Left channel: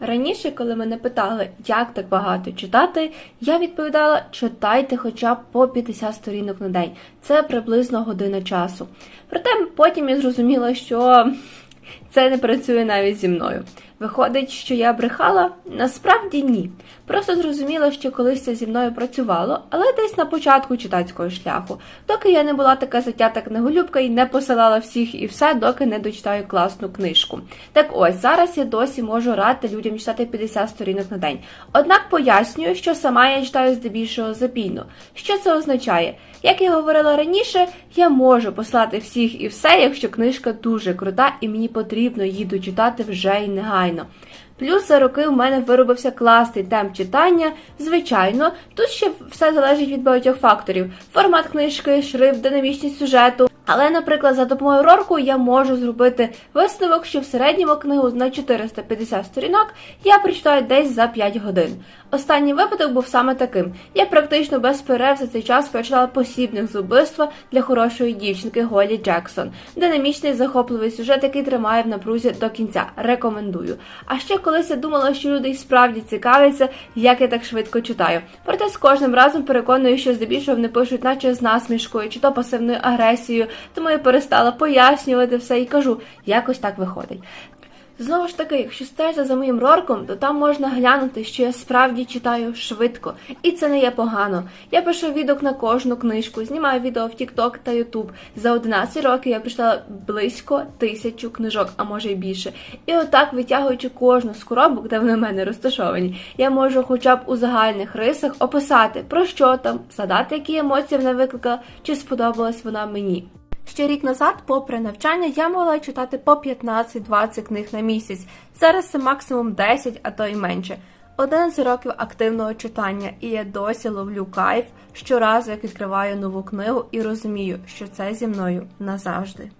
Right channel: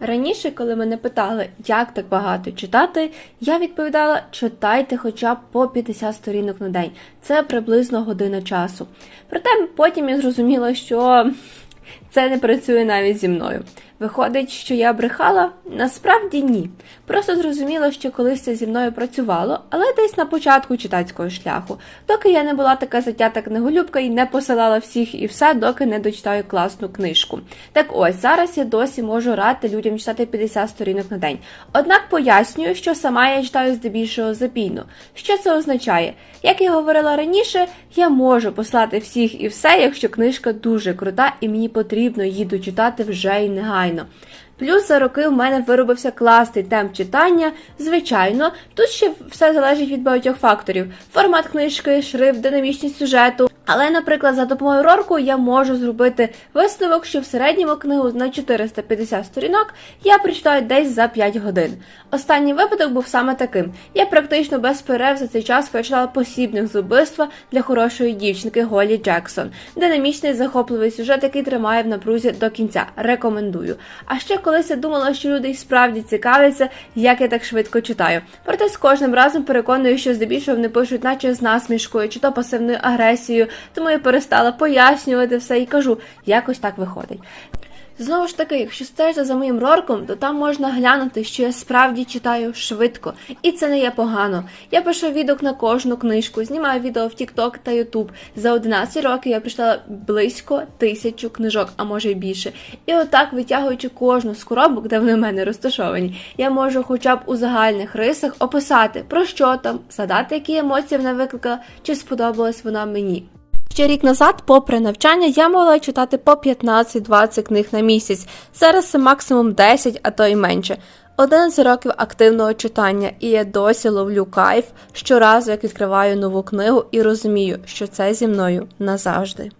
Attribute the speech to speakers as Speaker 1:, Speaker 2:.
Speaker 1: Раніше, коли мене питали, як так багато читати, я відповідала: читайте хоча б по 50 сторінок на день. Це приблизно година часу. Проте потім я зрозуміла, що це не працює навіть зі мною. Виходить, що я брехала? Насправді ні. Просто зрозуміла, що колись це зі мною працювало, але десь на початку читацького шляху, доки я не була така затята книголюбка і не посилала всіх і все, доки не дочитаю класну книжку. Так ось зараз я досі можу радити людям читати 50 сторінок на день. Однак пояснюю, що сама я читаю здебільшого запійно. Що це означає? Як я говорила раніше, я можу послати всіх і все, якщо книжка дуже крута і мені потрібно її дочитати вже й негайно. Плюс за роки в мене виробився класний темп читання. Звичайно, тут ще все залежить від багатьох факторів: формат книжки, шрифт, динамічність сюжету. Але, наприклад, за допомогою Рорку я можу зробити висновок, що в середньому книгу на 450 сторінок я прочитаю десь за 5 годин. Останній випадок був саме таким. Я практично без перерв за цей час прочитала посібник з убивства для хорошої дівчинки Голі Джексон. Динамічний захопливий сюжет, який тримає в напрузі до кінця. Рекомендую. А ще колись я думала, що люди й справді цікавляться, як я так швидко читаю. Проте з кожним разом переконую, що здебільшого вони пишуть, наче з насмішкою, чи то пасивною агресією, тому я перестала пояснювати все і кажу, якось так виходить. Знову ж таки, якщо стежити за моїм рорком, то там можна глянути, що я справді читаю швидко, і це не є погано. Я пишу відок на кожну книжку, знімаю відео в TikTok та YouTube. За 11 років я прочитала близько тисячу книжок, а може й більше. І отак, витягуючи кожну з коробок, де вони в мене розташовані, я можу хоча б у загальних рисах описати про що там, задати, які емоції вона викликала, чи сподобалась вона мені. Ще рік назад, попри навчання, я могла читати по 15-20 книг на місяць. Зараз це максимум 10, а то й менше. 11 років активного читання, і я досі ловлю кайф щоразу, як відкриваю нову книгу і розумію, що це зі мною назавжди.